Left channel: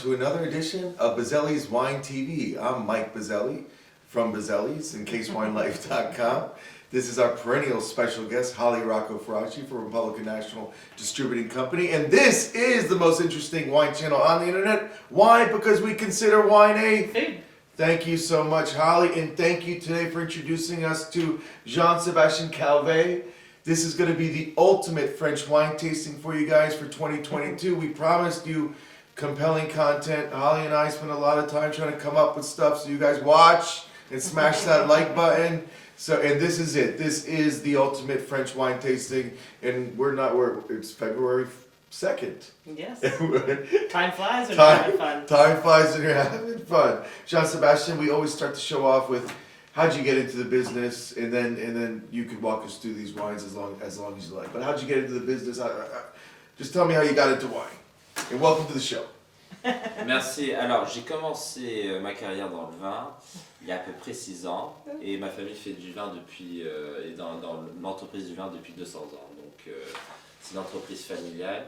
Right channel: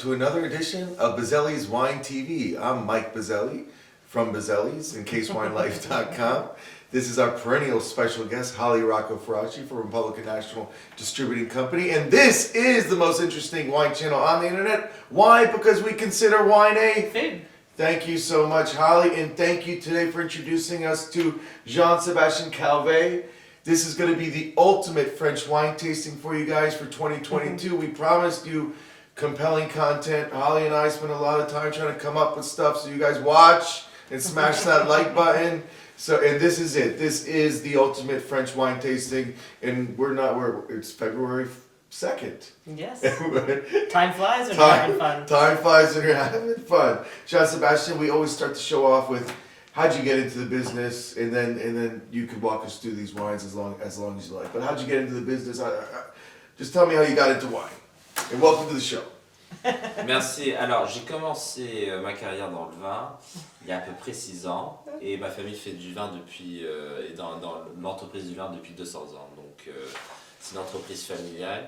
to another edition of Bozzelli's Wine TV. I'm Mike Bozzelli from Bozzellis and CaseWineLife.com. This is our perennial special guest, Rocco Feraci from Republican National Distributing Company. And this is the most interesting wine channel on the internet. Why? Because we consider wine a food. Thank you so much, Holly, and thank you today for introducing us to Jean-Sébastien Calvet. This is going to be the ultimate French wine tasting for you guys for 2022. We promised you compelling content. Holly and I spent a lot of time trying to come up with stuff so you guys watch and smash that like button. And this is it. This is the ultimate French wine tasting, and it's February 2nd. Yes. Time flies when you're having fun. Time flies when you're having fun. Jean-Sébastien, we always start the show off with how'd you get into the business, and then you could walk us through these wines as long as you like. But how'd you get into the business? Just tell me how you got into wine. And welcome to the show. Merci. Alors, j'ai commencé ma carrière dans le vin il y a à peu près 6 ans, et ma famille fait du vin depuis est dans l'entreprise du vin depuis 200 ans. Donc, c'est une entreprise familiale.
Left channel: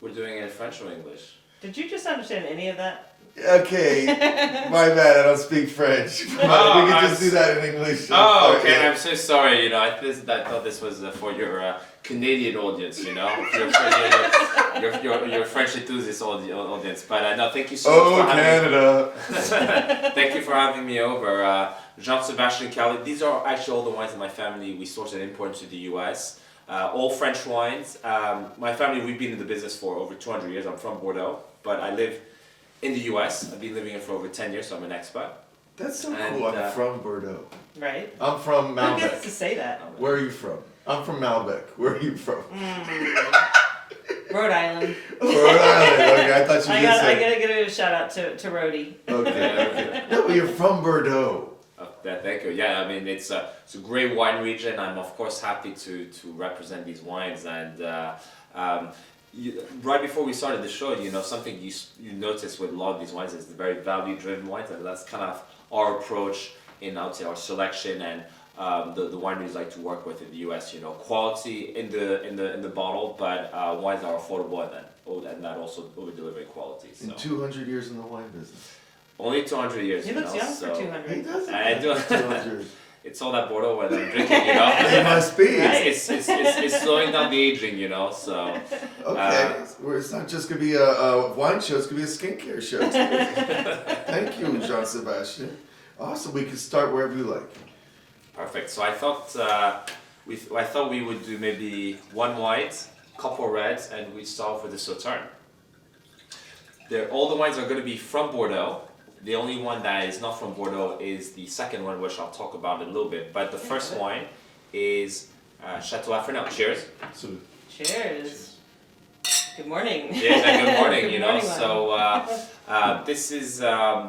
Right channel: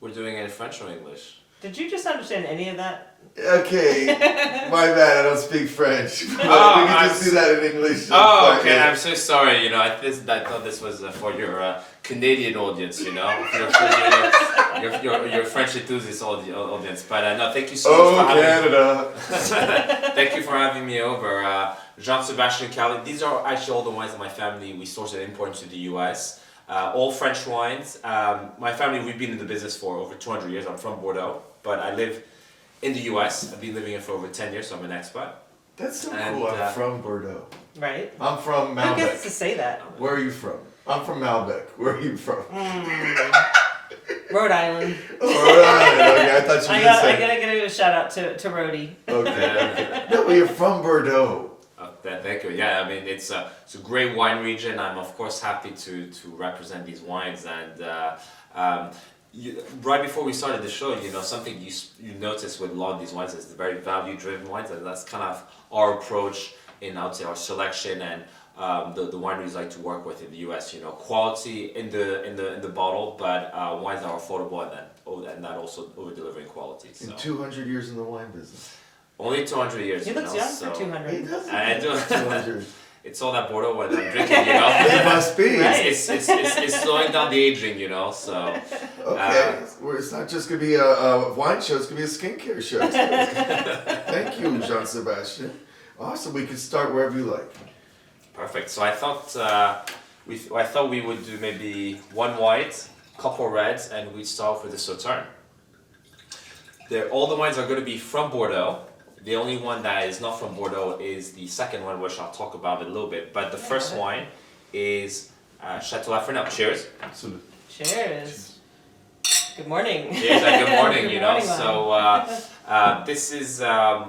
We're doing it in French or English? Did you just understand any of that? Okay, my bad, I don't speak French. We Oh, can just do that in English. Oh, okay, I'm so sorry, you know, I thought this was for your Canadian audience, you know, your French enthusiast audience, but no, thank you so much for having me. Thank you for having me over. Jean-Sébastien Calvet, these are actually all the wines that my family, we source and import to the US. All French wines. My family, we've been in the business for over 200 years. I'm from Bordeaux, but I live in the US. I've been living here for over 10 years, so I'm an expat. That's so cool. I'm from Bordeaux. Right. I'm from Malbec. Who gets to say that? Where are you from? I'm from Malbec. Where are you from? Rhode Island. Oh, Rhode Island. Okay, I thought you were I gotta give a shout out to Rhodey. Okay. No, but you're from Bordeaux. Thank you. Yeah, I mean it's a great wine region. I'm of course happy to represent these wines. And right before we started the show, you know, something you notice with a lot of these wines is the very value-driven wines, and that's kind of our approach in, I would say, our selection and the wineries like to work with in the US. You know, quality in the bottle, but wines that are affordable and that also over delivering quality. So. And 200 years in the wine business. Only 200 years. He looks young so for 200. He does. I do. 200. It's all that Bordeaux wine that I'm drinking, you know. It must be. Right. It's slowing down the aging, you know. So. Okay, it's not just gonna be a wine show; it's gonna be a skincare show. Thank you, Jean-Sébastien. Awesome. We can start wherever you like. Perfect. So I thought we would do maybe one white, couple reds, and we'd start with the Sauterne. All the wines are going to be from Bordeaux. The only one that is not from Bordeaux is the second one, which I'll talk about in a little bit. But the first wine is Chateau Blaignan. Cheers. Absolutely. Cheers. Good morning. Yeah, good morning. Good You know, morning, so this is a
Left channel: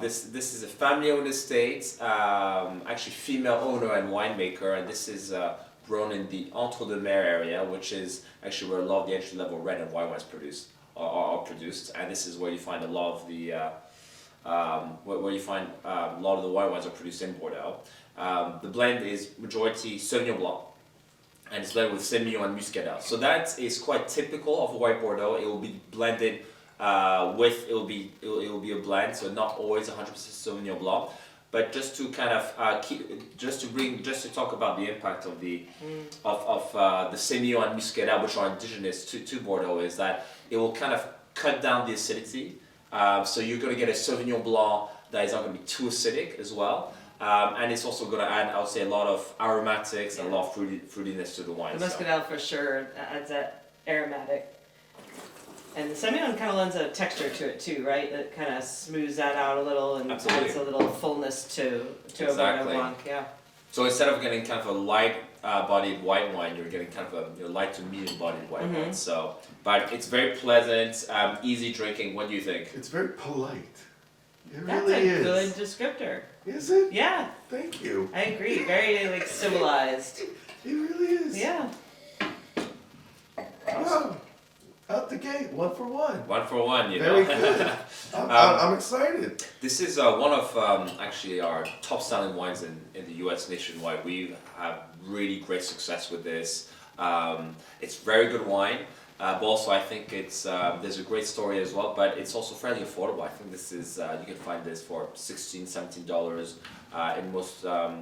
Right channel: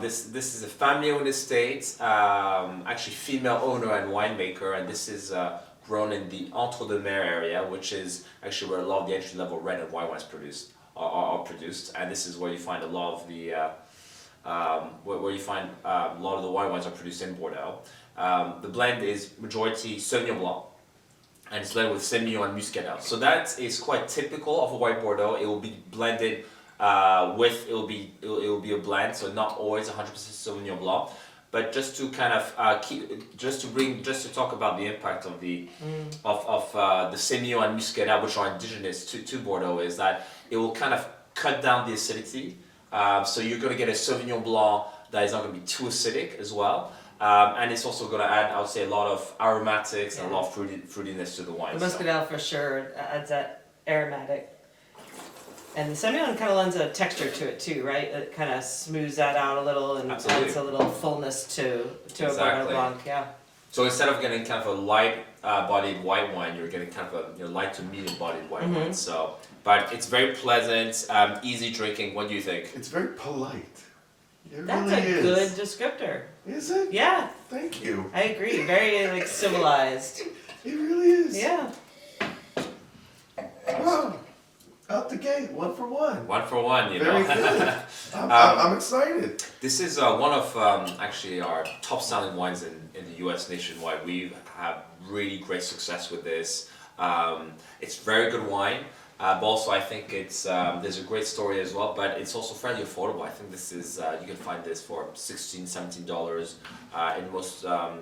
family-owned estate, actually female owner and winemaker, and this is grown in the Entre-deux-Mers area, which is actually where a lot of the entry-level red and white wines are produced, and this is where you find a lot of the white wines are produced in Bordeaux. The blend is majority Sauvignon Blanc, and it's blended with Semillon and Muscadel. So that is quite typical of a white Bordeaux. It will be blended it will be a blend, so not always 100% Sauvignon Blanc. But just to kind of to talk about the impact of the Semillon and Muscadel, which are indigenous to Bordeaux, is that it will kind of cut down the acidity. So you're going to get a Sauvignon Blanc that is not going to be too acidic as well. And it's also going to add, I would say, a lot of aromatics and a lot of fruitiness to the wine. The Muscadel for sure adds that aromatic. And the Semillon kind of lends a texture to it too, right? It kind of smooths that out a little and adds a little fullness to a Bordeaux Blanc, yeah. So instead of getting kind of a light-bodied white wine, you're getting kind of a light to medium-bodied white wine. So, but it's very pleasant, easy drinking. What do you think? It's very polite. That's really a good descriptor. Is it? Yeah. Thank you. I agree. Very like civilized. It really is. Yeah. Wow. Out the gate, 1 for 1. 1 for 1, you know. Very good. I'm excited. This is one of actually our top selling wines in the US nationwide. We have really great success with this. It's very good wine. But also I think it's there's a great story as well, but it's also fairly affordable. I think this is you can find this for $16-17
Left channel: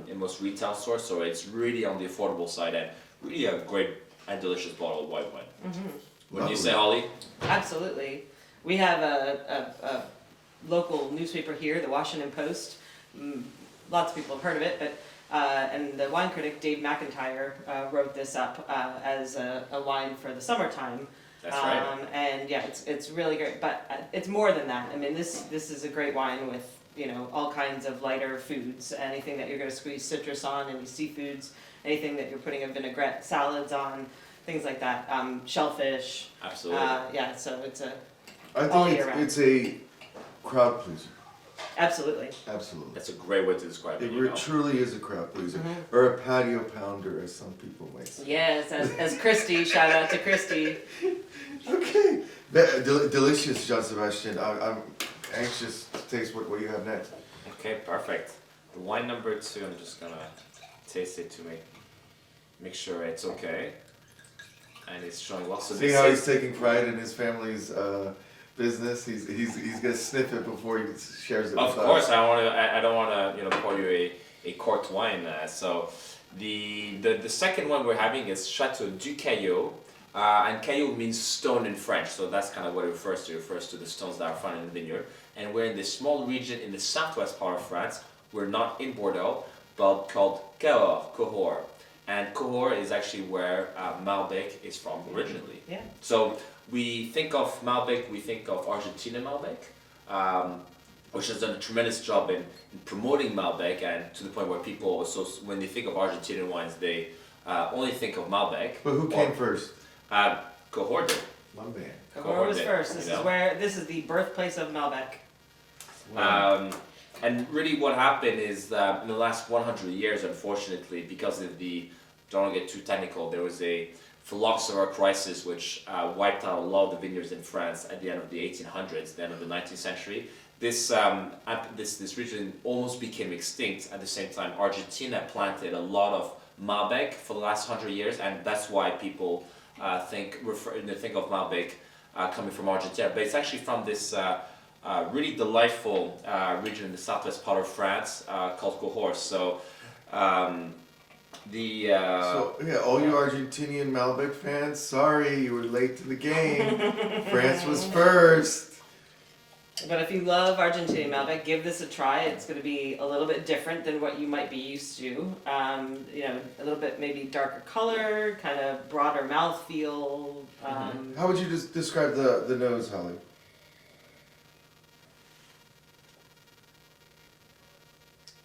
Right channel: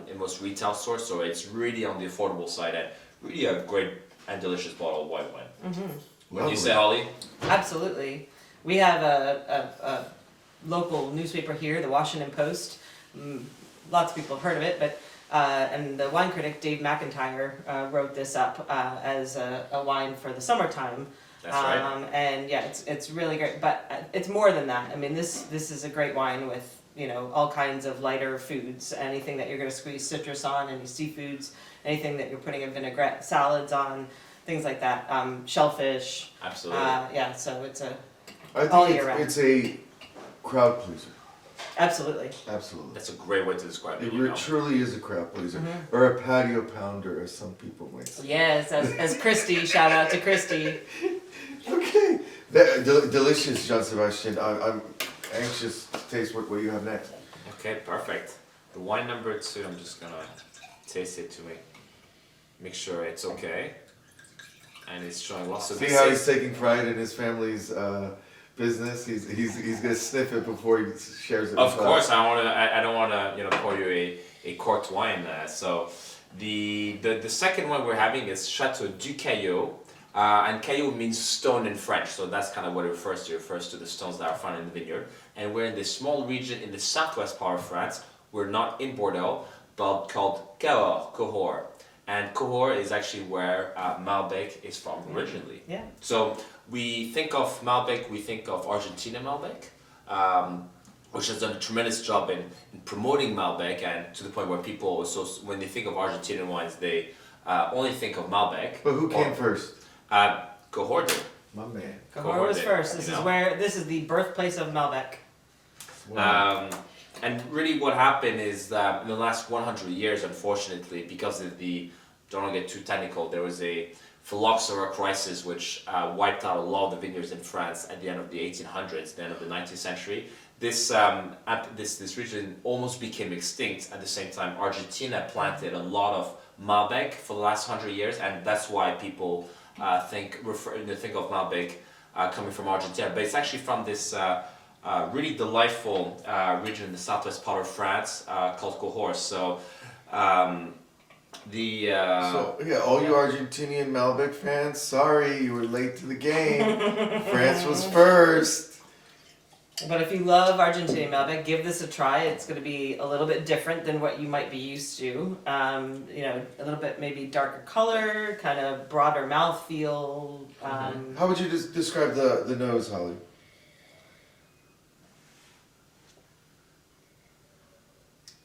in most retail stores. So it's really on the affordable side and really a great and delicious bottle of white wine. What do you say, Holly? Absolutely. We have a local newspaper here, the Washington Post. Lots of people have heard of it, but and the wine critic Dave McIntyre wrote this up as a wine for the summertime. That's right. And yeah, it's really great, but it's more than that. I mean, this is a great wine with, you know, all kinds of lighter foods, anything that you're going to squeeze citrus on, any seafoods, anything that you're putting a vinaigrette, salads on, things like that, shellfish. Absolutely. Yeah, so it's I all think year round. it's a crowd pleaser. Absolutely. Absolutely. That's a great way to describe it. It You know. truly is a crowd pleaser, or a patio pounder, as some people might say. Yes, as Christy, shout out to Christy. Okay, delicious, Jean-Sébastien. I'm anxious to taste what you have next. Okay, perfect. The wine number 2, I'm just gonna taste it to make sure it's okay. And it's showing lots of. See how he's taking pride in his family's business. He's gonna sniff it before he shares it. Of with course, us. I don't wanna pour you a corked wine. So the second one we're having is Chateau Du Caillau, and Caillau means stone in French, so that's kind of what it refers to. It refers to the stones that are found in the vineyard. And we're in this small region in the southwest part of France. We're not in Bordeaux, but called Cahors. And Cahors is actually where Malbec is from originally. Yeah. So we think of Malbec, we think of Argentina Malbec, which has done a tremendous job in promoting Malbec, and to the point where people also, when they think of Argentinian wines, they only think of Malbec. But who came first? Cahors did. My man. Cahors was did, first. you This know? is where this is the birthplace of Malbec. And really what happened is that in the last 100 years, unfortunately, because of don't want to get too technical, there was a phylloxera crisis which wiped out a lot of the vineyards in France at the end of the 1800s, the end of the 19th century. This region almost became extinct. At the same time, Argentina planted a lot of Malbec for the last 100 years, and that's why people think of Malbec coming from Argentina. But it's actually from this really delightful region in the southwest part of France called Cahors. So So yeah, all you Argentinian Malbec fans, sorry you were late to the game. France was first. But if you love Argentinian Malbec, give this a try. It's going to be a little bit different than what you might be used to. You know, a little bit maybe darker color, kind of broader mouthfeel. How would you describe the nose, Holly?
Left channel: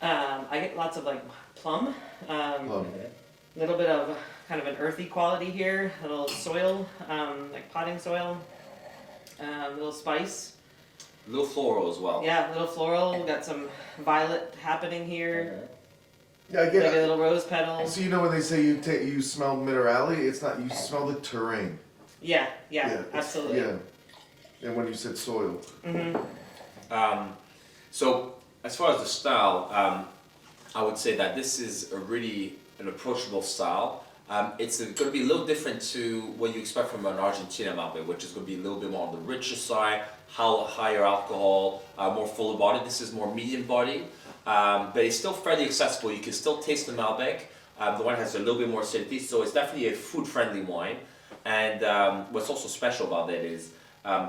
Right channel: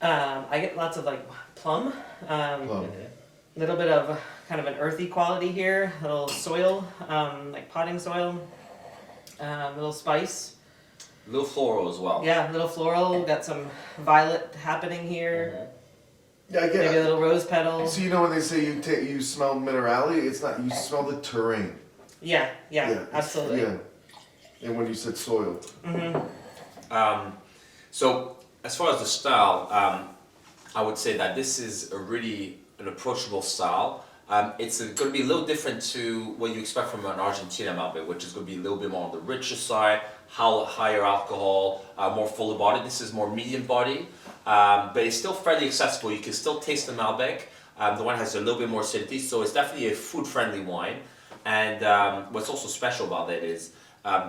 I get lots of like plum. Plum. A little bit of kind of an earthy quality here, a little soil, like potting soil, a little spice. a little floral as well. Yeah, a little floral, got some violet happening here, Yeah, I maybe get a it. little rose petal. So you know when they say you smell minerality, it's not, you smell the terrain. Yeah, it's- absolutely. Yeah. And when you said soil. So as far as the style, I would say that this is an approachable style. It's going to be a little different to what you expect from an Argentina Malbec, which is going to be a little bit more on the richer side, higher alcohol, more fuller body. This is more medium body, but it's still fairly accessible. You can still taste the Malbec. The wine has a little bit more acidity, so it's definitely a food-friendly wine. And what's also special about it is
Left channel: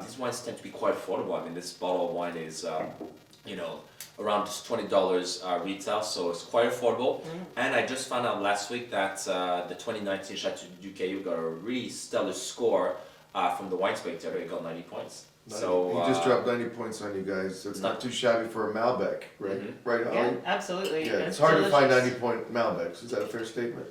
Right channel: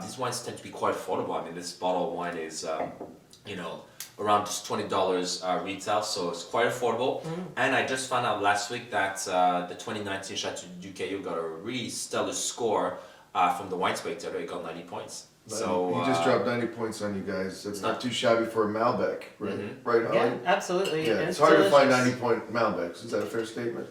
these wines tend to be quite affordable. I mean, this bottle of wine is, around just $20 retail, so it's quite affordable. And I just found out last week that the 2019 Chateau Du Caillau got a really stellar score from the Wine Spectator. It got 90 points. So he just dropped 90 points on you guys. That's not too shabby for a Malbec, right? Right, Holly? Yeah, absolutely. Yeah, And it's hard to find delicious. 90-point Malbecs. Is that a fair statement?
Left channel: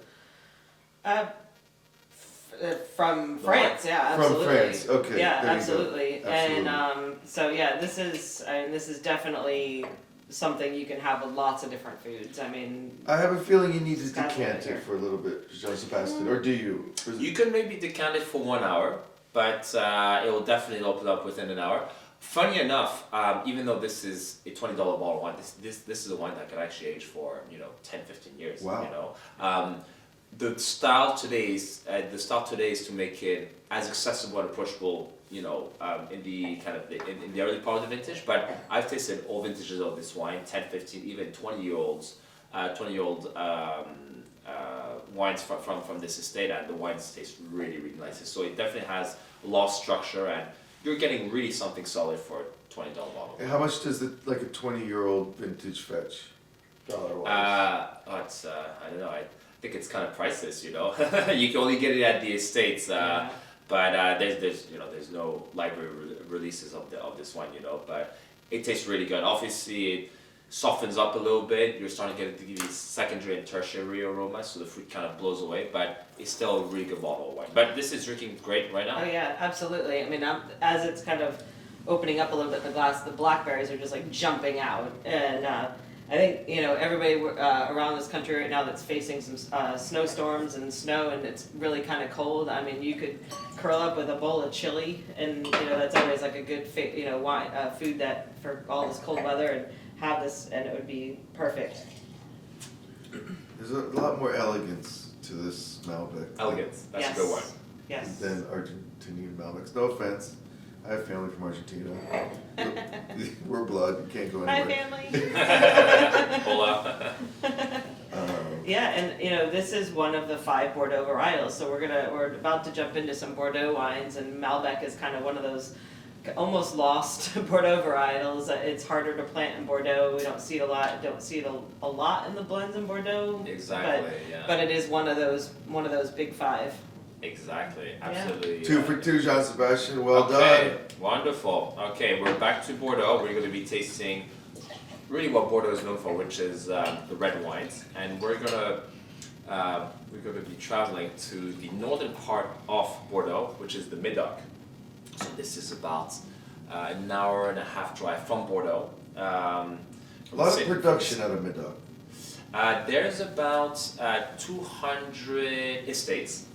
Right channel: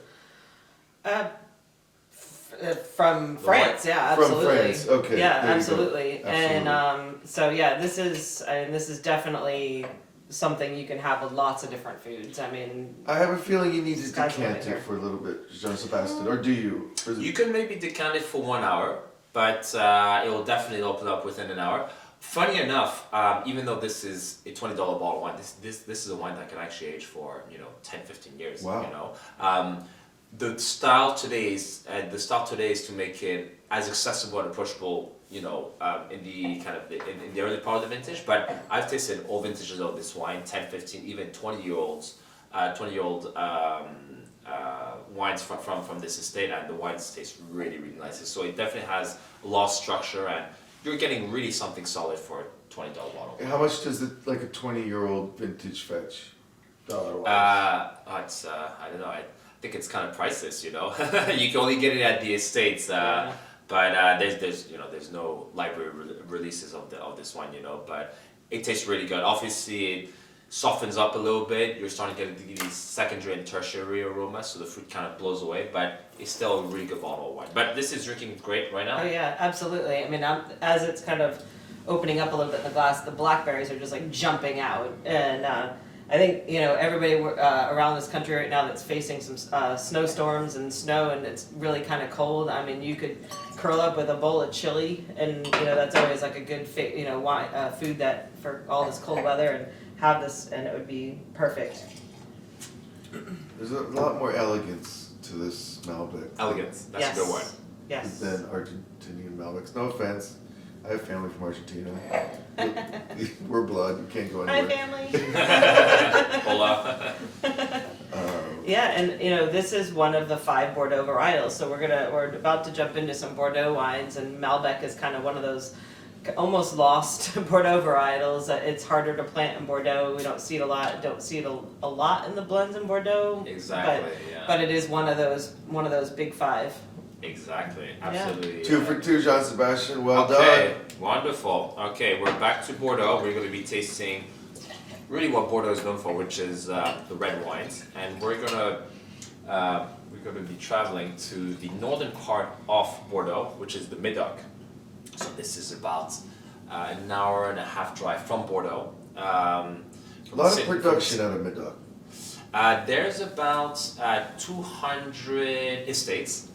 From France, yeah, From absolutely. France, okay, Yeah, there you go. absolutely. And so yeah, this is definitely something you can have with lots of different foods. I mean, I have a feeling you need to Sky's the decant limit here. it for a little bit, Jean-Sébastien, or do you? you can maybe decant it for 1 hour, but it will definitely open up within an hour. Funny enough, even though this is a $20 bottle of wine, this is a wine that could actually age for 10, 15 years. Wow. The style today is to make it as accessible and approachable, in the kind of in the early part of the vintage. But I've tasted all vintages of this wine, 10, 15, even 20-year-old wines from this estate, and the wines taste really, really nice. So it definitely has a lot of structure, and you're getting really something solid for a $20 bottle. And how much does like a 20-year-old vintage fetch? It's I don't know. I think it's kind of priceless. You can only get it at the estates. But there's no library releases of this wine. But it tastes really good. Obviously, it softens up a little bit. You're starting to get these secondary and tertiary aromas, so the fruit kind of blows away. But it's still a really good bottle of wine. But this is drinking great right now. Oh yeah, absolutely. I mean, as it's kind of opening up a little bit in the glass, the blackberries are just like jumping out, and I think everybody around this country right now that's facing some snowstorms and snow, and it's really kind of cold. I mean, you could curl up with a bowl of chili, and that's always like a good wine, food that for all this cold weather, and have this, and it would be perfect. There's a lot more elegance to this Malbec. Elegance, that's Yes. a good word. Yes. Than Argentinian Malbecs. No offense. I have family from Argentina. We're blood. You can't go Hi, anywhere. family. Hola. Yeah, and this is one of the 5 Bordeaux varietals. So we're about to jump into some Bordeaux wines, and Malbec is kind of one of those almost lost Bordeaux varietals. It's harder to plant in Bordeaux. We don't see it a lot. Don't see it a lot in the blends in Bordeaux. Exactly. But it is one of those big 5. Exactly. Absolutely. 2 for 2, Jean-Sébastien. Well Okay, done. wonderful. Okay, we're back to Bordeaux. We're going to be tasting really what Bordeaux is known for, which is the red wines, and we're gonna be traveling to the northern part of Bordeaux, which is the Médoc. So this is about an hour and a half drive from Bordeaux. A lot of production out of Médoc. There's about 200 estates,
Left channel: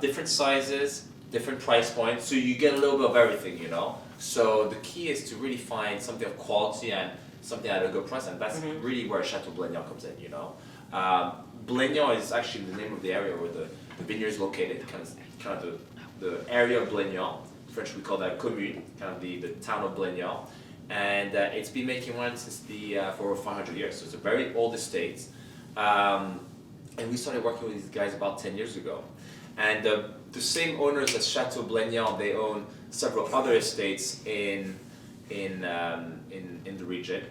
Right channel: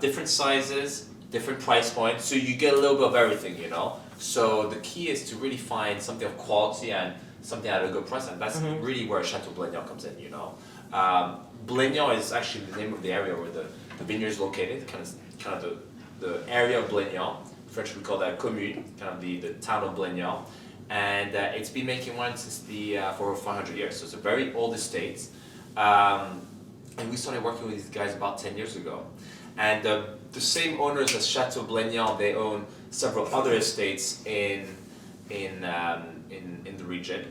different sizes, different price points, so you get a little bit of everything, So the key is to really find something of quality and something at a good price, and that's really where Chateau Blaignan comes in, Blaignan is actually the name of the area where the vineyard is located, kind of the area of Blaignan. In French we call that commune, kind of the town of Blaignan. And it's been making wine since for over 500 years, so it's a very old estate. And we started working with these guys about 10 years ago. And the same owners as Chateau Blaignan, they own several other estates in the region,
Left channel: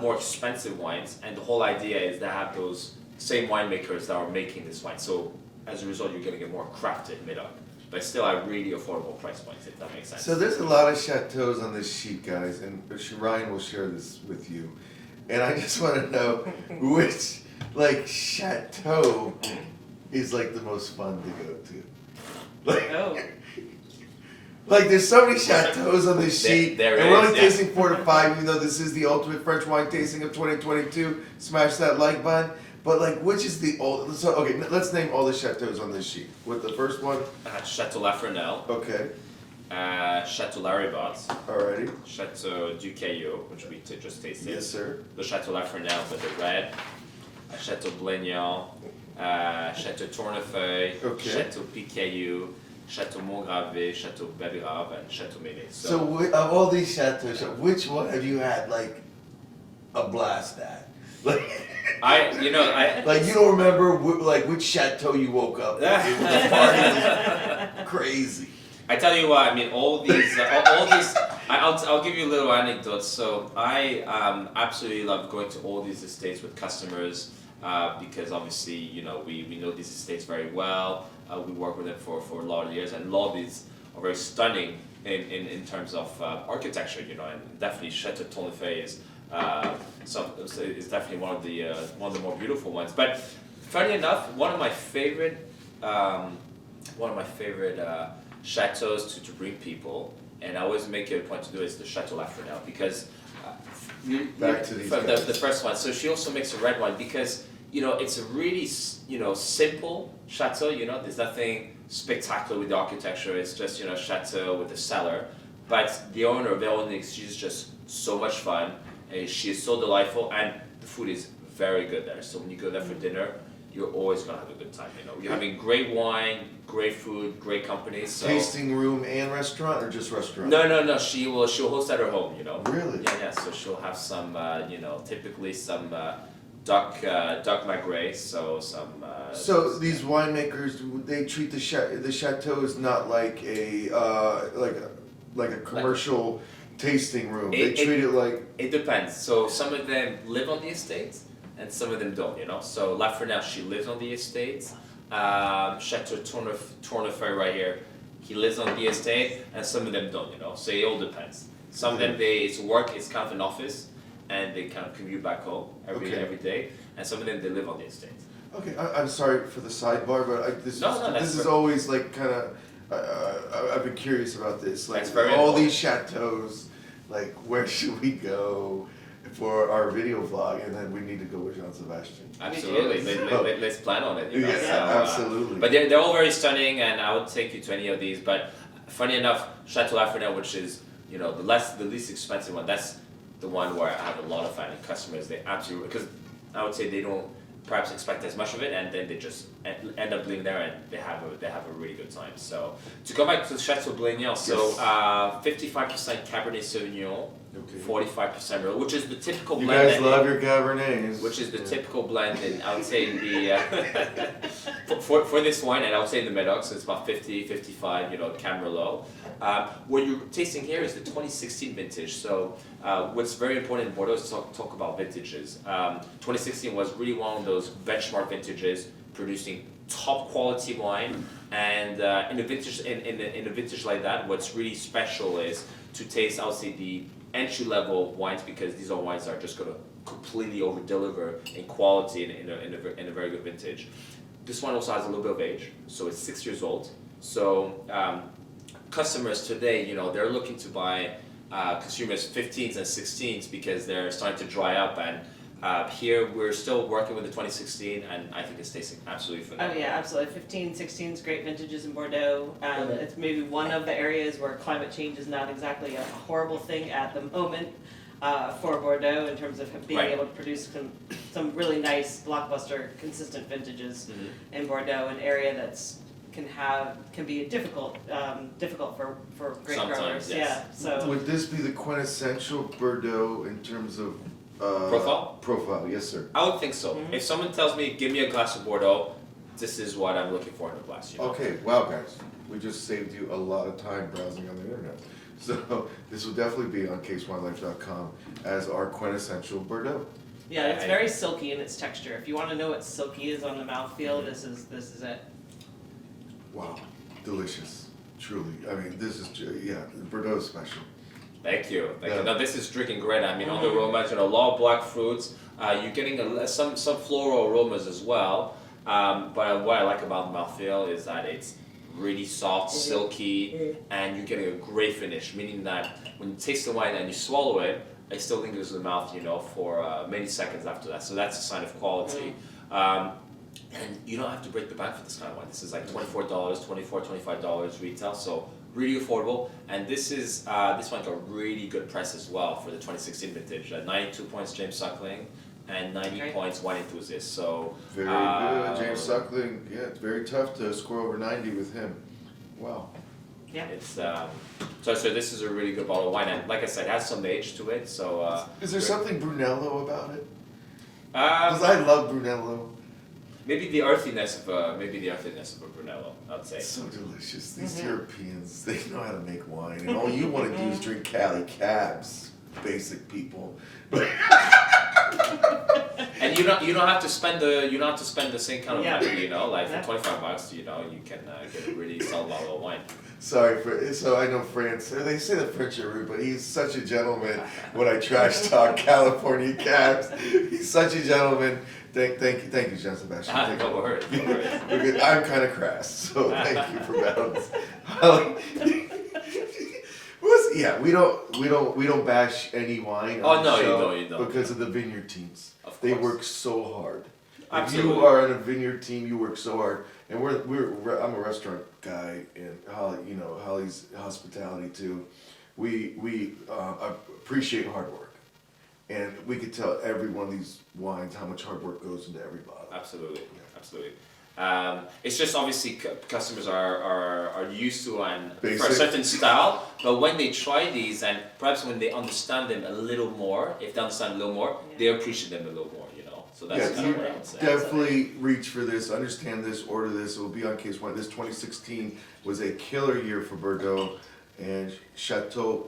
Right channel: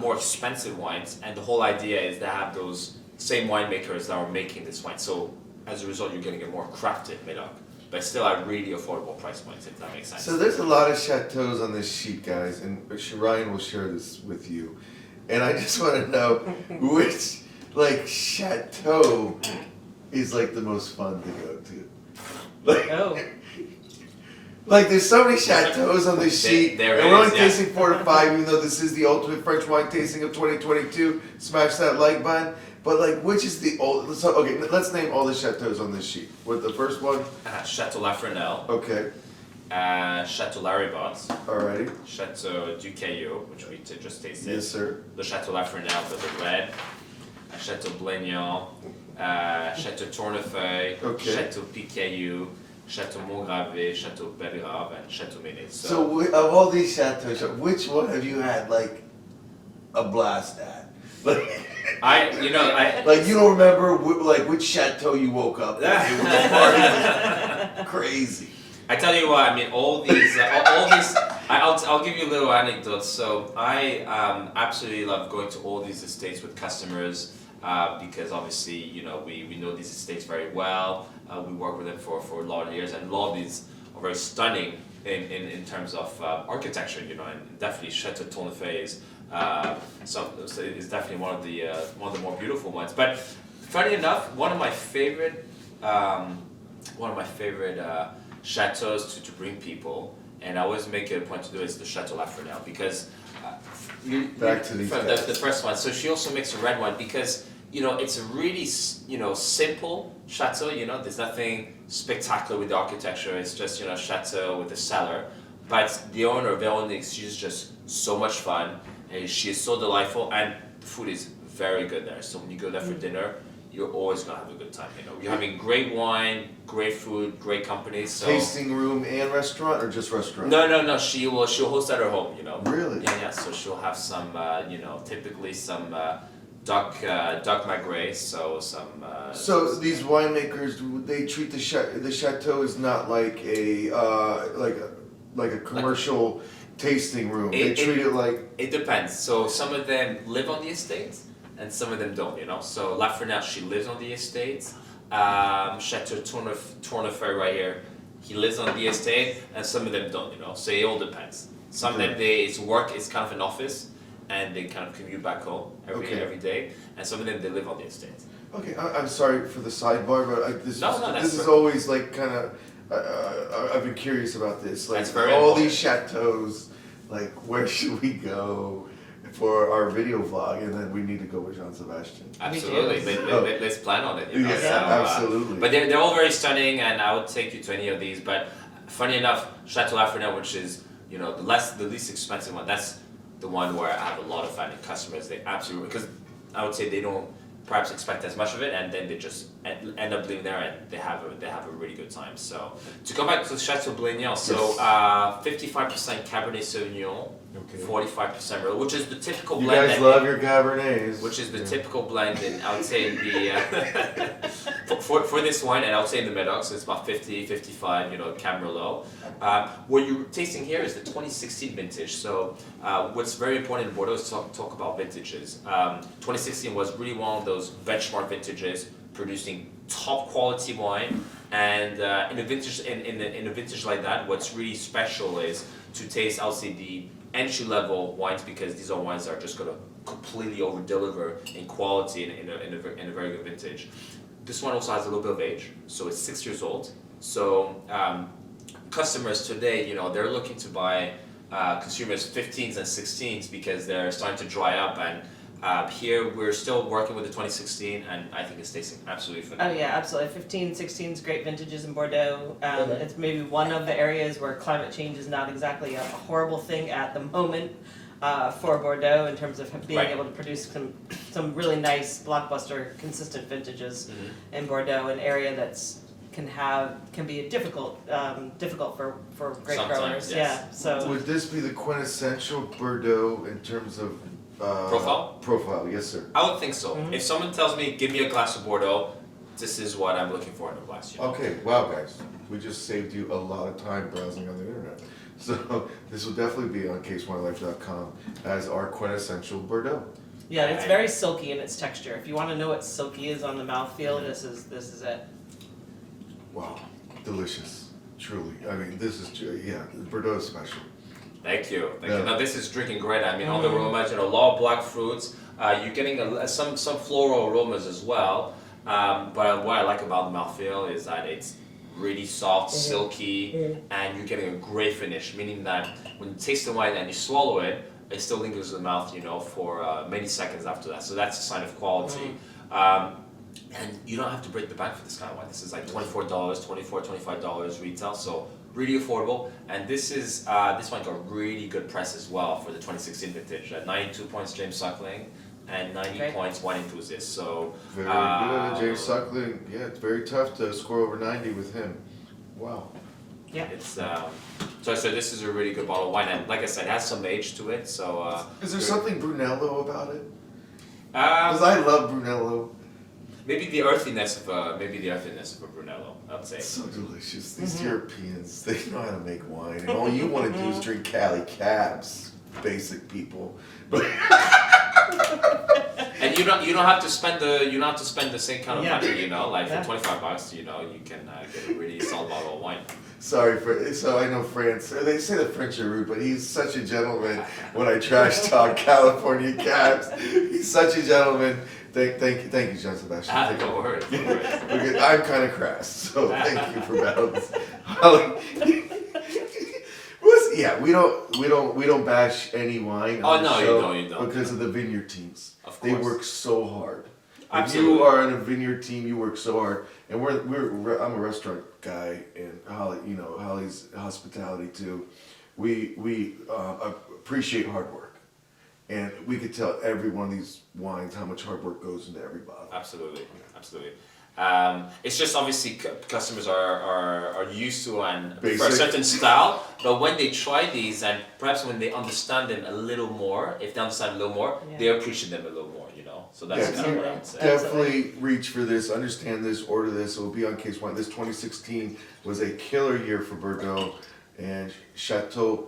more expensive wines, and the whole idea is to have those same winemakers that are making this wine. So as a result, you're getting a more crafted Médoc, but still at really affordable price points, if that makes sense. So there's a lot of chateaus on this sheet, guys, and Ryan will share this with you. And I just want to know which chateau is the most fun to go to. Like there's so many chateaus on this sheet. There and we're is, only yeah. tasting 4 to 5, even though this is the ultimate French wine tasting of 2022. Smash that like button. But which is the old? So okay, let's name all the chateaus on this sheet. With the first one. Chateau Lafresnel. Okay. Chateau Laribot. Alrighty. Chateau Du Caillau, which we just tasted. Yes, sir. The Chateau Lafresnel, but the red. Chateau Blaignan. Chateau Tournefeuille. Okay. Chateau Picaillou. Chateau Montgravé, Chateau Belgrave, and Chateau Ménet. So of all these chateaus, which one have you had a blast at? I You don't remember which chateau you woke up at? It was partying crazy. I tell you what, all these, I'll give you a little anecdote. So I absolutely love going to all these estates with customers because obviously, we know these estates very well. We work with them for a lot of years, and a lot of these are very stunning in terms of architecture, and definitely Chateau Tournefeuille is definitely one of the more beautiful ones. But funny enough, one of my favorite chateaus to bring people, and I always make it a point to do it, is the Chateau Lafresnel, because Back to these guys. the first one. So she also makes a red wine because it's a really simple chateau. There's nothing spectacular with the architecture. It's just chateau with a cellar. But the owner, Véronique, she's just so much fun. And she is so delightful, and the food is very good there. So when you go there for dinner, you're always gonna have a good time. You're having great wine, great food, great company. So Tasting room and restaurant, or just restaurant? no. She'll host at her home. You know. Really? Yeah. So she'll have some, typically some duck magret. So some. So these winemakers, they treat the chateau as not like a commercial tasting room. They treat it like. It depends. So some of them live on the estate, and some of them don't. You know. So Lafrenal, she lives on the estate. Chateau Tournefeuille right here, he lives on the estate, and some of them don't. You know. So it all depends. Some of them it's work. It's kind of an office, and they kind of commute back home every day. And some of them they live on the estate. Okay, I'm sorry for the sidebar, but this is always like kind of. I've been curious about this. Like That's very all important. these chateaux, like where should we go for our video vlog? And then we need to go with Jean-Sébastien. Absolutely, let's plan on it. You know? Yeah, So, absolutely. But they're all very stunning, and I would take you to any of these. But funny enough, Chateau Lafrenal, which is the least expensive one, that's the one where I have a lot of finding customers. They absolutely, because I would say they don't perhaps expect as much of it, and then they just end up living there, and they have a really good time. So to go back to the Chateau Blaignan, so 55% Cabernet Sauvignon, 45% Merlot, which is the typical You blend. guys love your Cabernets. Which is the typical blend in, I would say, in the for this wine, and I would say in the Medoc, so it's about 50, 55, Cab Merlot. What you're tasting here is the 2016 vintage. So what's very important in Bordeaux is to talk about vintages. 2016 was really one of those benchmark vintages, producing top quality wine. And in a vintage like that, what's really special is to taste, I would say, the entry level wines, because these are wines that are just going to completely over deliver in quality in a very good vintage. This one also has a little bit of age, so it's 6 years old. So customers today, they're looking to buy consumers 15s and 16s because they're starting to dry up, and here we're still working with the 2016, and I think it's tasting absolutely phenomenal. Oh yeah, absolutely. 15, 16 is great vintages in Bordeaux. It's maybe one of the areas where climate change is not exactly a horrible thing at the moment for Bordeaux in terms of being able to produce some really nice blockbuster consistent vintages in Bordeaux, an area that's can be difficult for grape Sometimes, growers. yes. Yeah. So Would this be the quintessential Bordeaux in terms of Profile? Profile, yes, sir. I would think so. If someone tells me, give me a glass of Bordeaux, this is what I'm looking for in a glass. Okay, wow, guys, we just saved you a lot of time browsing on the internet. So this will definitely be on casewinelife.com as our quintessential Bordeaux. yeah, it's very silky in its texture. If you want to know what silky is on the mouthfeel, this is it. Wow, delicious, truly. I mean, this is Bordeaux is special. Thank you. Yeah. Now this is drinking great. I mean, on the aromas, a lot of black fruits. You're getting some floral aromas as well. But what I like about the mouthfeel is that it's really soft, silky, and you're getting a great finish. Meaning that when you taste the wine and you swallow it, it still lingers in the mouth, for many seconds after that. So that's a sign of quality. And you don't have to break the bank for this kind of wine. This is like $24, $25 retail. So really affordable, and this one got really good price as well for the 2016 vintage. 92 points James Suckling, and 90 points Wine Enthusiast. So Very good, James Suckling. Yeah, it's very tough to score over 90 with him. Wow. Yeah. It's so this is a really good bottle of wine, and like I said, it has some age to it. So is there something Brunello about it? Because I love Brunello. Maybe the earthiness of a Brunello, I'd say. It's so delicious. These Europeans, they know how to make wine, and all you want to do is drink Cali Cabs, basic people. But and you don't have to spend the same kind of money, like for $25, you can get a really solid bottle of wine. Sorry so I know France. They say the French are rude, but he's such a gentleman. When I trash talk California Cabs, he's such a gentleman. Thank you, Jean-Sébastien. No worries. Okay, I'm kind of crass, so thank you for balance. Holly, we don't bash any wine. Oh on the no, show you don't. Because of the vineyard teams. Of They course. work so hard. Absolutely. If you are in a vineyard team, you work so hard. And I'm a restaurant guy, and Holly's hospitality too. We appreciate hard work. And we could tell every one of these wines how much hard work goes into every bottle. Absolutely. It's just obviously customers are used to and for a Basic. certain style, but when they try these and perhaps when they understand them a little more, if they understand a little more, they appreciate them a little more, you know. So that's Yeah, kind of what I would say. Definitely reach for this, understand this, order this. It will be on case one. This 2016 was a killer year for Bordeaux and Chateau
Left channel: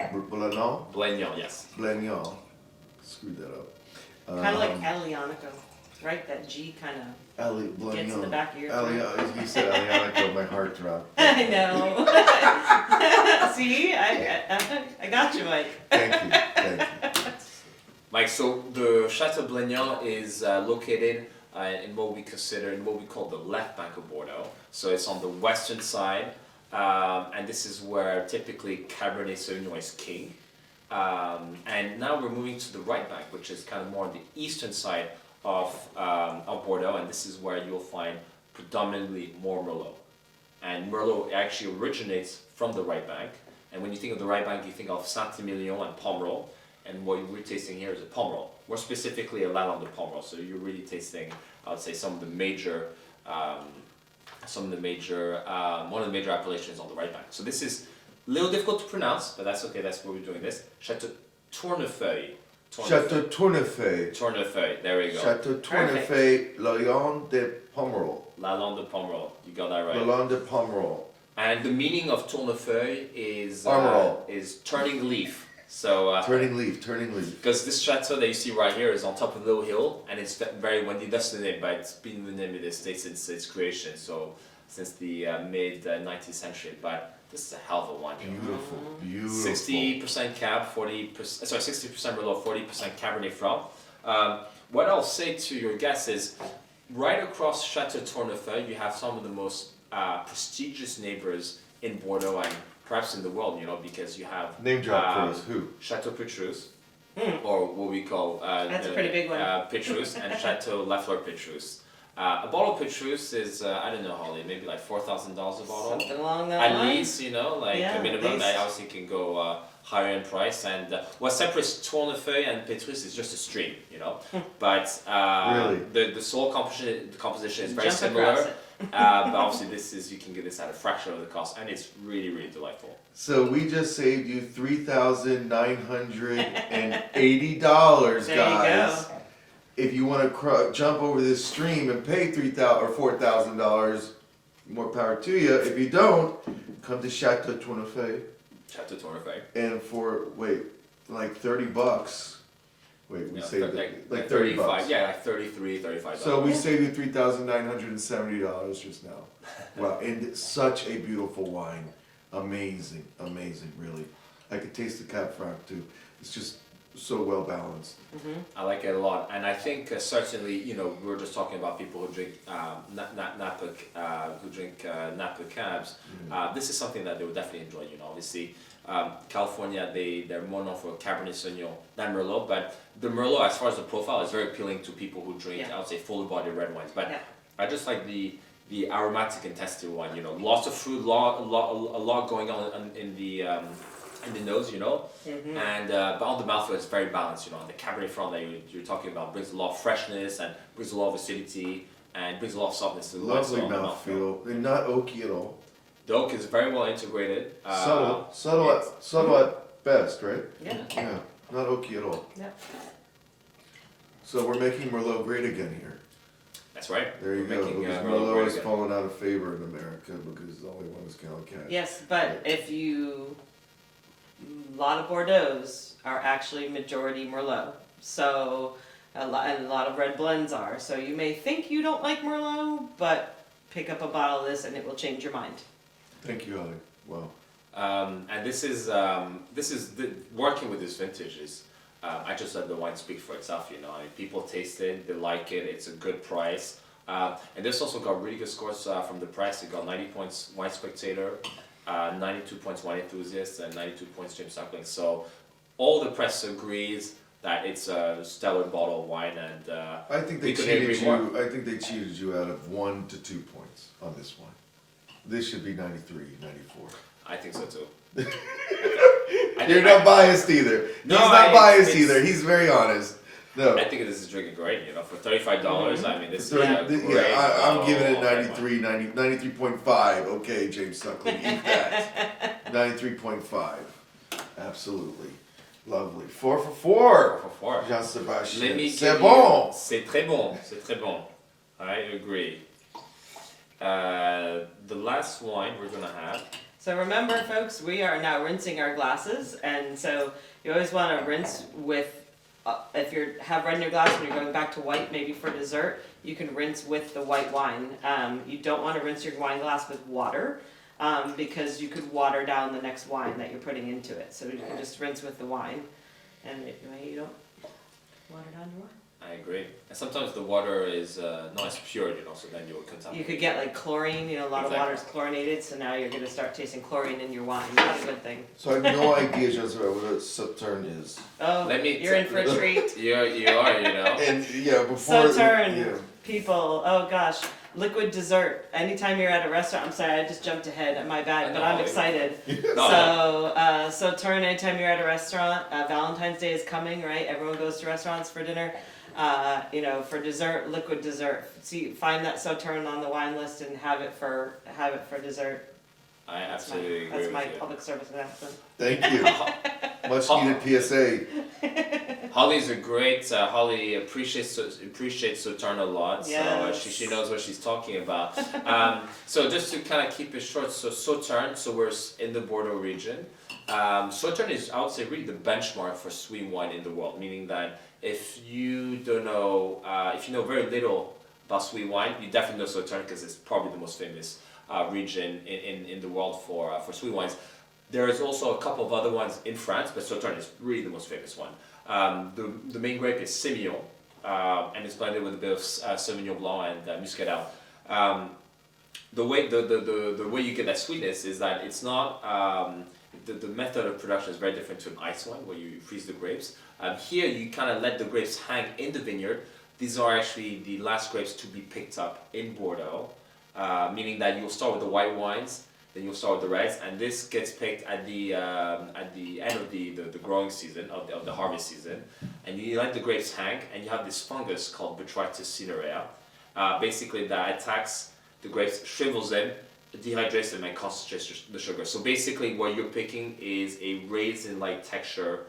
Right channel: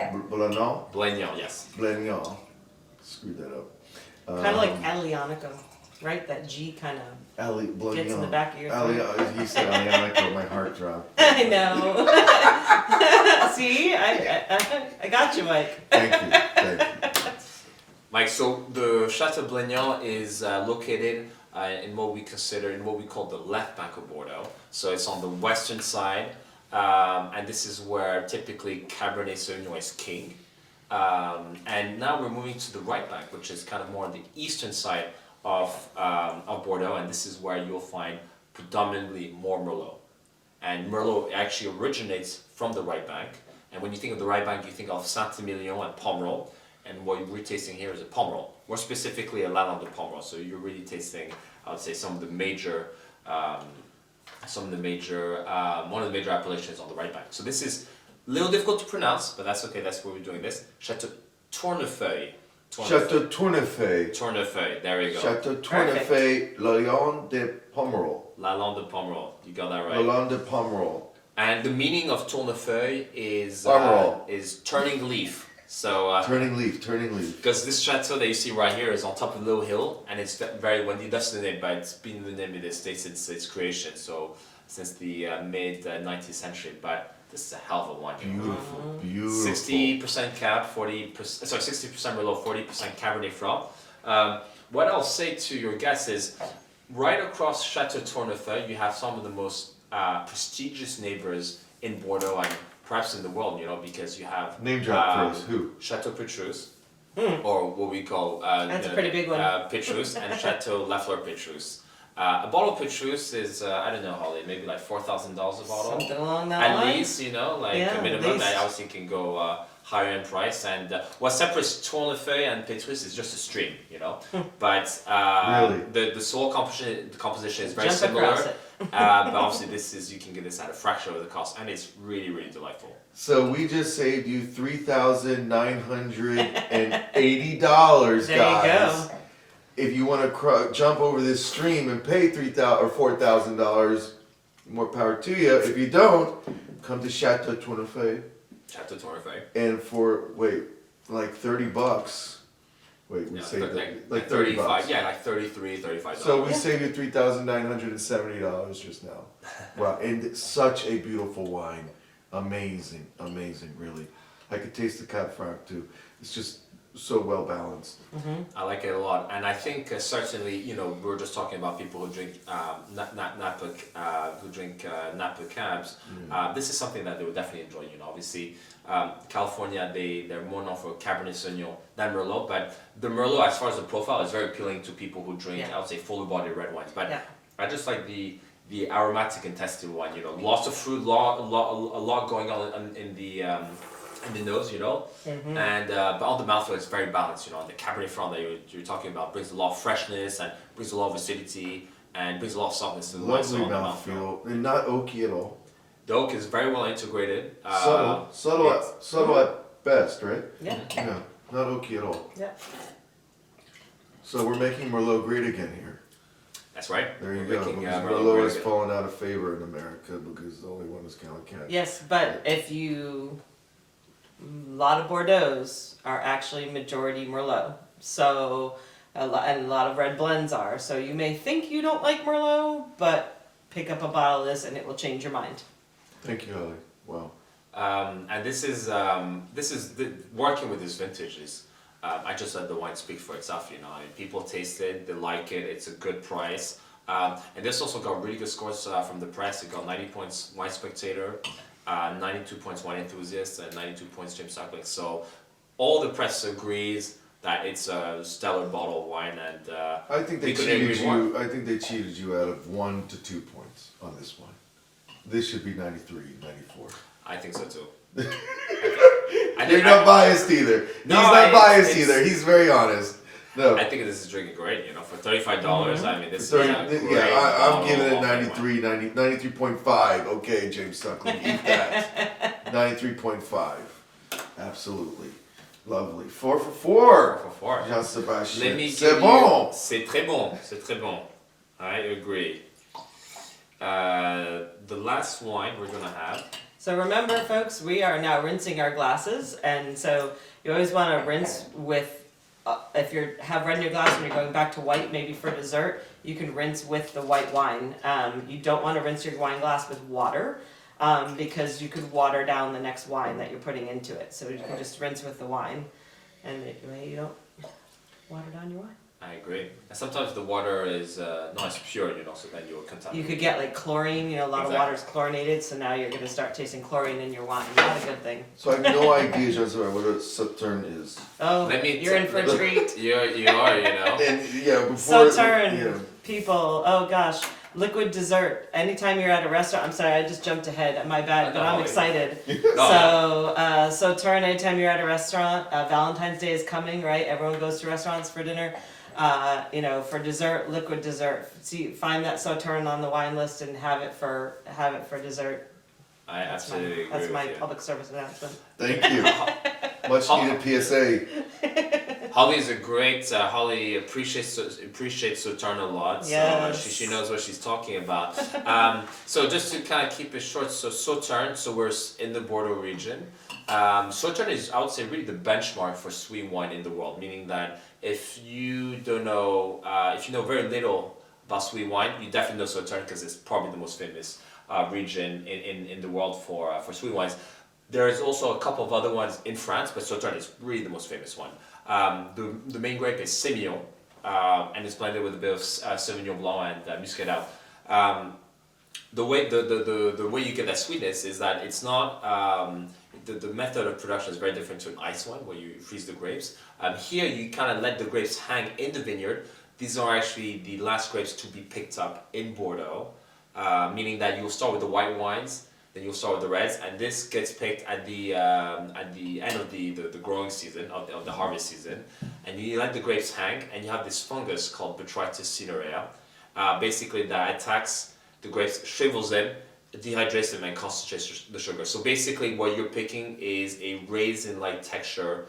Blaignan, yes. Blaignan. Screwed that up. Kind of like Alianico, right? That G kind of gets in the back of your throat. He said Alianico, my heart dropped. I know. See, I got you, Mike. Thank you. Mike, so the Chateau Blaignan is located in what we call the left bank of Bordeaux. So it's on the western side, and this is where typically Cabernet Sauvignon is king. And now we're moving to the right bank, which is kind of more on the eastern side of Bordeaux, and this is where you'll find predominantly more Merlot. And Merlot actually originates from the right bank. And when you think of the right bank, you think of Saint-Emilion and Pomerol. And what we're tasting here is a Pomerol, more specifically a Lalande de Pomerol. So you're really tasting, I would say, one of the major appellations on the right bank. So this is a little difficult to pronounce, but that's okay. That's why we're doing this. Chateau Tournefeuille. Chateau Tournefeuille. Tournefeuille. There you go. Chateau Tournefeuille, Lalande de Pomerol. Lalande de Pomerol. You got that right. Lalande de Pomerol. And the meaning of Tournefeuille is turning leaf. So turning leaf. Because this chateau that you see right here is on top of a little hill, and it's very well, that's the name, but it's been the name of the estate since its creation, so since the mid 19th century. But this is a hell of a wine. Beautiful. 60% Cab, 60% Merlot, 40% Cabernet Franc. What I'll say to your guests is, right across Chateau Tournefeuille, you have some of the most prestigious neighbors in Bordeaux and perhaps in the world, you know, because you have Name drop for us. Who? Chateau Petrus, or what we call That's a pretty big one. Petrus, and Chateau Lafleur Petrus. A bottle of Petrus is I don't know, Holly, maybe like $4,000 a bottle. Something along that At line. least, you know, like Yeah, a minimum. at least. I obviously can go higher in price. And what separates Tournefeuille and Petrus is just a stream, you know. But Really? the soil composition is very Jump similar. across it. But obviously, you can get this at a fraction of the cost, and it's really, really delightful. So we just saved you $3,980, guys. There you go. If you want to jump over this stream and pay $3,000 or $4,000, more power to you. If you don't, come to Chateau Tournefeuille, Chateau Tournefeuille. and for like $30. Wait, we Yeah, saved like 30 $35. bucks. Yeah, like $33, $35. So we saved you $3,970 just now. Wow, and such a beautiful wine. Amazing, really. I could taste the Cab Franc too. It's just so well balanced. I like it a lot, and I think certainly, you know, we're just talking about people who drink Napa cabs. This is something that they would definitely enjoy. You know, obviously, California they're more known for Cabernet Sauvignon than Merlot, but the Merlot, as far as the profile, is very appealing to people who drink, I would say, fuller bodied red wines. But I just like the aromatic intensity one. You know, lots of fruit, a lot going on in the nose, you know, and but on the mouthfeel it's very balanced, you know. The Cabernet Franc that you're talking about brings a lot of freshness and brings a lot of acidity and brings a lot of softness to the wine. Lovely mouthfeel, and not oaky at all. The oak is very well integrated. Subtle at best, right? Yeah. Yeah, not oaky at all. Yeah. So we're making Merlot great again here. That's right. There you We're go. making, Because Merlot Merlot great has again. fallen out of favor in America because the only one is Calicat. Yes, but a lot of Bordeaux's are actually majority Merlot. So, and a lot of red blends are. So you may think you don't like Merlot, but pick up a bottle of this and it will change your mind. Thank you, Holly. Wow. And this is working with this vintage is. I just let the wine speak for itself, you know. I mean, people taste it, they like it, it's a good price. And this also got really good scores from the press. It got 90 points Wine Spectator, 92 points Wine Enthusiast, and 92 points James Suckling. So all the press agrees that it's a stellar bottle of wine, and I think we they couldn't cheated agree more. you. I think they cheated you out of 1 to 2 points on this one. This should be 93, 94. I think so too. They're not biased either. He's not biased it's- either. He's very honest. No. I think this is drinking great. You know, for $35, I mean, this is a Yeah, great. I'm giving it bottle. 93.5. Okay, James Suckley, eat that. 93.5. Absolutely. Lovely. 4 for 4. 4 for 4. Jean-Sébastien. Let me C'est give bon. you. C'est très bon. C'est très bon. I agree. The last wine we're gonna have. So remember, folks, we are now rinsing our glasses, and so you always want to rinse with, if you have red in your glass and you're going back to white, maybe for dessert, you can rinse with the white wine. You don't want to rinse your wine glass with water, because you could water down the next wine that you're putting into it. So you can just rinse with the wine, and you don't water down your wine. I agree. And sometimes the water is not as pure, you know, so then you will contaminate. You could get like chlorine, you know, a lot of water is chlorinated, so now you're going to start tasting chlorine in your wine. Not a good thing. So I have no idea, Jean-Sébastien, what a Sauterne is. Oh, you're in for a treat. You are, you know. And yeah, before Sauterne, people, oh gosh, liquid dessert. Anytime you're at a restaurant, I'm sorry, I just jumped ahead, my bad, but I'm excited. So, Sauterne, anytime you're at a restaurant, Valentine's Day is coming, right? Everyone goes to restaurants for dinner. You know, for dessert, liquid dessert. See, find that Sauterne on the wine list and have it for dessert. I absolutely agree. That's my with you. public service announcement. Thank you. Much needed PSA. Holly's a great. Holly appreciates Sauterne a lot, so Yes. she knows what she's talking about. So just to kind of keep it short, so Sauterne, so we're in the Bordeaux region. Sauterne is, I would say, really the benchmark for sweet wine in the world, meaning that if you don't know, if you know very little about sweet wine, you definitely know Sauterne because it's probably the most famous region in the world for sweet wines. There's also a couple of other ones in France, but Sauterne is really the most famous one. The main grape is Semillon, and it's blended with a bit of Sauvignon Blanc and Muscadel. The way you get that sweetness is that it's not the method of production is very different to an ice one where you freeze the grapes. Here you kind of let the grapes hang in the vineyard. These are actually the last grapes to be picked up in Bordeaux, meaning that you'll start with the white wines, then you'll start with the reds, and this gets picked at the end of the growing season, of the harvest season, and you let the grapes hang, and you have this fungus called Botrytis cinerea, basically that attacks the grapes, shrivels them, dehydrates them, and concentrates the sugar. So basically what you're picking is a raisin-like texture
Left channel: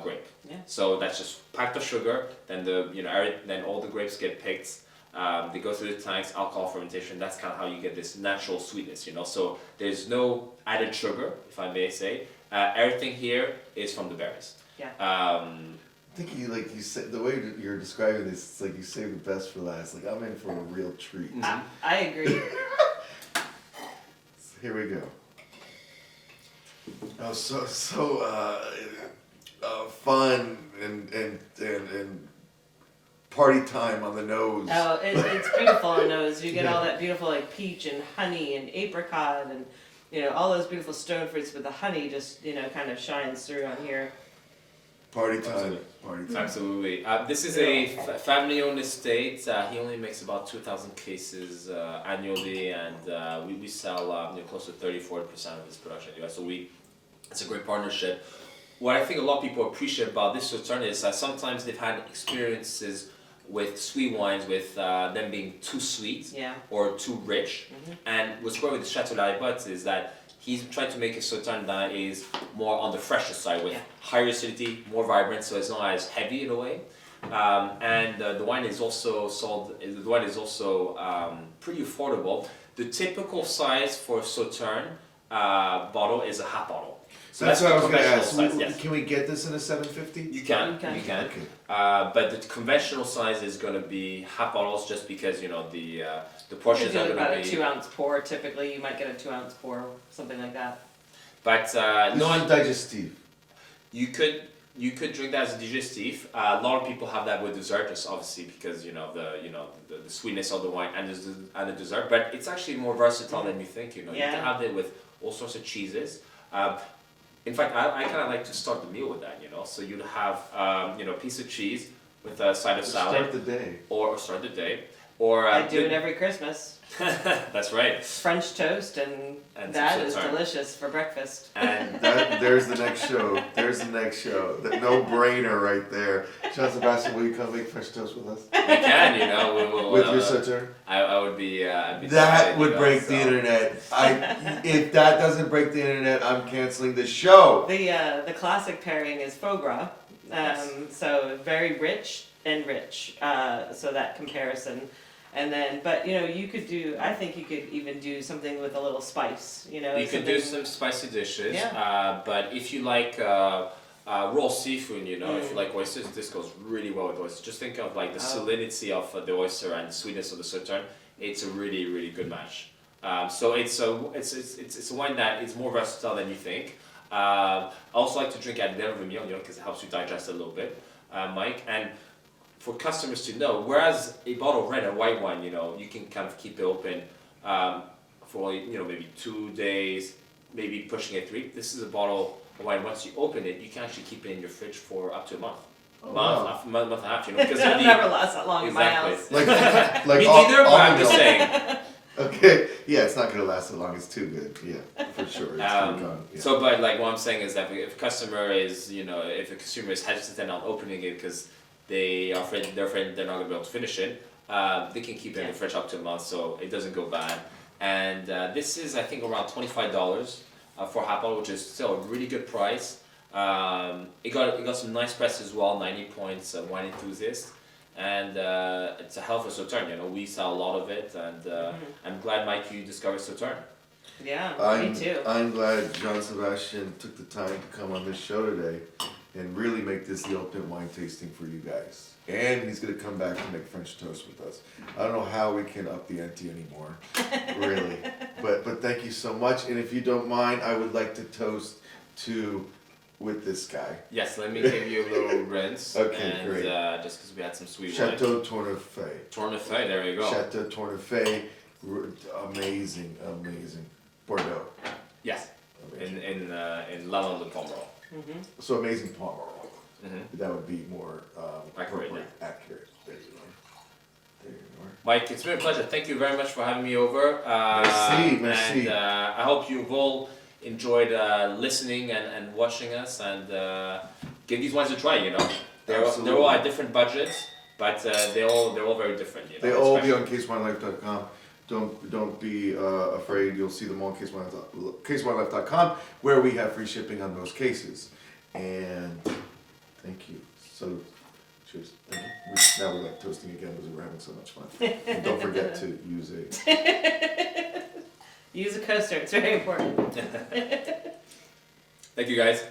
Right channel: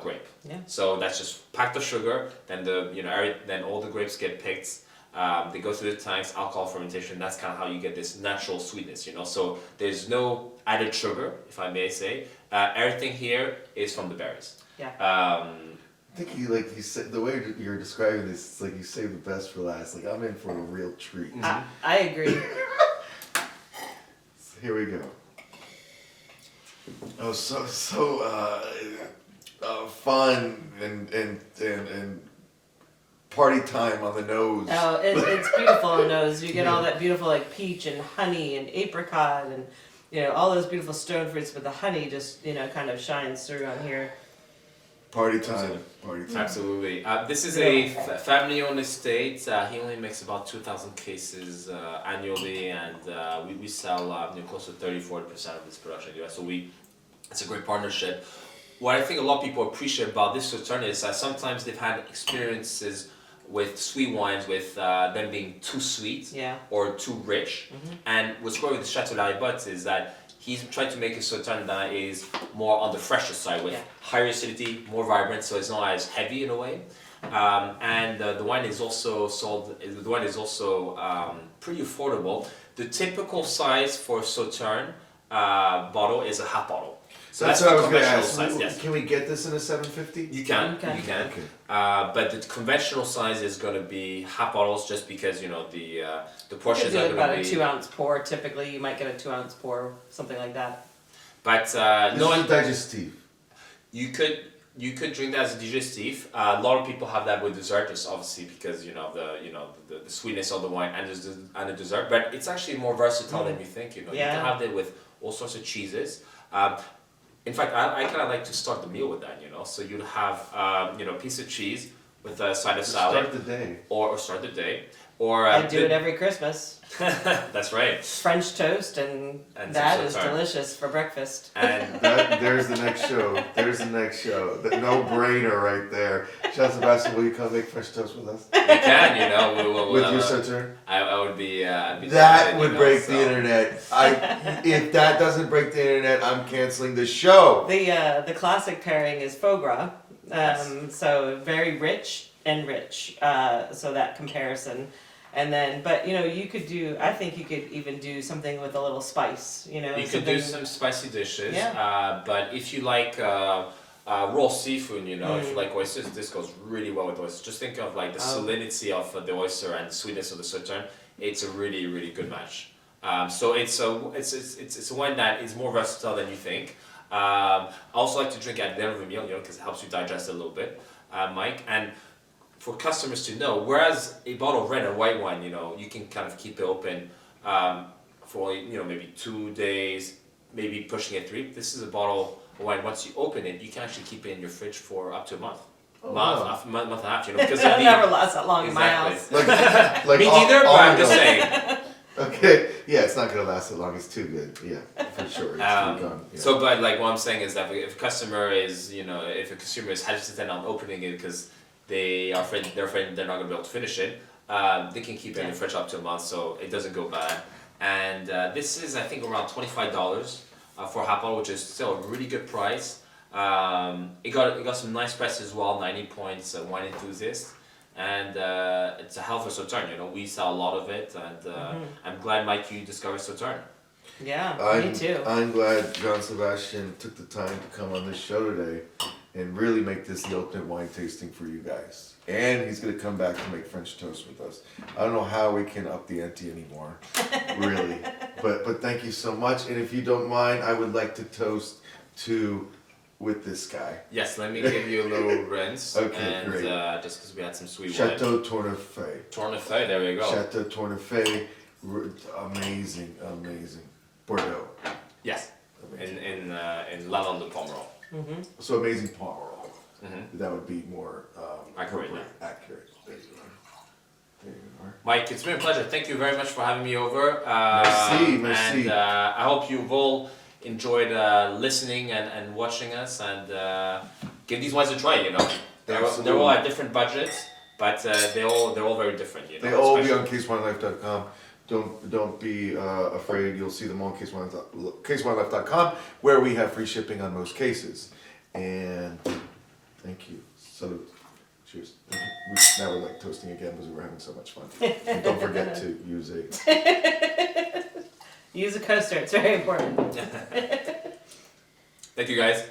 grape. Yeah. So that's just packed of sugar, then then all the grapes get picked, they go through the tanks, alcohol fermentation, that's kind of how you get this natural sweetness, you know. So there's no added sugar, if I may say. Everything here is from the berries. Yeah. I think you said the way you're describing this, it's like you saved the best for last. Like I'm in for a real treat. I agree. Here we go. Oh, so fun and party time on the nose. Oh, it's beautiful on the nose. You get all that beautiful like peach and honey and apricot and all those beautiful stone fruits, but the honey just kind of shines through on here. Party time. Party time. Absolutely. This is a family-owned estate. He only makes about 2,000 cases annually, and we sell close to 30-40% of his production in the US. So it's a great partnership. What I think a lot of people appreciate about this Sauterne is that sometimes they've had experiences with sweet wines with them being too sweet or too rich. Mm-hmm. And what's great with the Chateau Blaignan is that he's trying to make a Sauterne that is more on the fresher side with higher acidity, more vibrant, so it's not as heavy in a way. And the wine is also pretty affordable. The typical size for Sauterne bottle is a half bottle. So that's what the I was going to conventional ask. size. Yes. Can we get this in a 750? You can. Okay. But the conventional size is going to be half bottles, just because the portions are going to be about a 2-ounce pour. Typically, you might get a 2-ounce pour, something like that. But This is digestive. You could drink that as a digestif. A lot of people have that with dessert, just obviously because the sweetness of the wine and the dessert. But it's actually more versatile than you think. You can have it with all sorts of cheeses. In fact, I kind of like to start the meal with that. So you'd have a piece of cheese with a side of salad. Start the day. Or start the day. Or I do it every Christmas. That's right. French toast, and that is delicious for breakfast. And There's the next show. There's the next show. The no-brainer right there. Jean-Sébastien, will you come make French toast with us? we can, you know, we will. With your Sauterne? I would be. I'd be That delighted, would you know, break so. the internet. If that doesn't break the internet, I'm canceling the show. The classic pairing is foie gras. Yes. So very rich and rich. So that comparison. And then, but you know, you could do, I think you could even do something with a little spice, you know. You could do some spicy dishes, Yeah. but if you like raw seafood, you know, if you like oysters, this goes really well with oysters. Just think of like the salinity of the oyster and the sweetness of the Sauterne. It's a really, really good match. So it's a wine that is more versatile than you think. I also like to drink at the end of a meal, you know, because it helps you digest a little bit, Mike. And for customers to know, whereas a bottle of red and white wine, you know, you can kind of keep it open for, you know, maybe 2 days, maybe pushing it 3. This is a bottle of wine. Once you open it, you can actually keep it in your fridge for up to a month. Month and a half, you know, because It'll never last that long in my house. Like Me neither, but I'm just saying. Okay, yeah, it's not gonna last so long. It's too good. Yeah, for sure. It's gone. Yeah. So, but like what I'm saying is that if a customer is, you know, if a consumer is hesitant on opening it because they're afraid they're not gonna be able to finish it, they can keep it in the fridge up to a month, so it doesn't go bad. And this is, I think, around $25 for a half bottle, which is still a really good price. It got some nice press as well, 90 points, Wine Enthusiast. And it's a hell of a Sauterne, you know, we sell a lot of it, and I'm glad, Mike, you discovered Sauterne. Yeah, me too. I'm glad Jean-Sébastien took the time to come on this show today and really make this the ultimate wine tasting for you guys. And he's gonna come back to make French toast with us. I don't know how we can up the ante anymore, really. But thank you so much. And if you don't mind, I would like to toast to with this guy. Yes, let me give you a little rinse. Okay, and, great. Just because we had some sweet wine. Chateau Tournefeuille. Tournefeuille, there you go. Chateau Tournefeuille, amazing, amazing. Bordeaux. Yes, Amazing. in Lalande de Pomerol. So amazing Pomerol. That would be more Accurate, accurate. There you are. There you are. Mike, it's been a pleasure. Thank you very much for having me over. Merci. And I hope you've all enjoyed listening and watching us, and give these wines a try. You know, they're all at different budgets, but they're all very different. You know, They all be on casewinelife.com. Don't be afraid. You'll see them on casewinelife.com, where we have free shipping on most cases. And thank you. So, cheers. Now we're like toasting again because we were having so much fun. And don't forget to use Use a coaster, it's very important. Thank you, guys.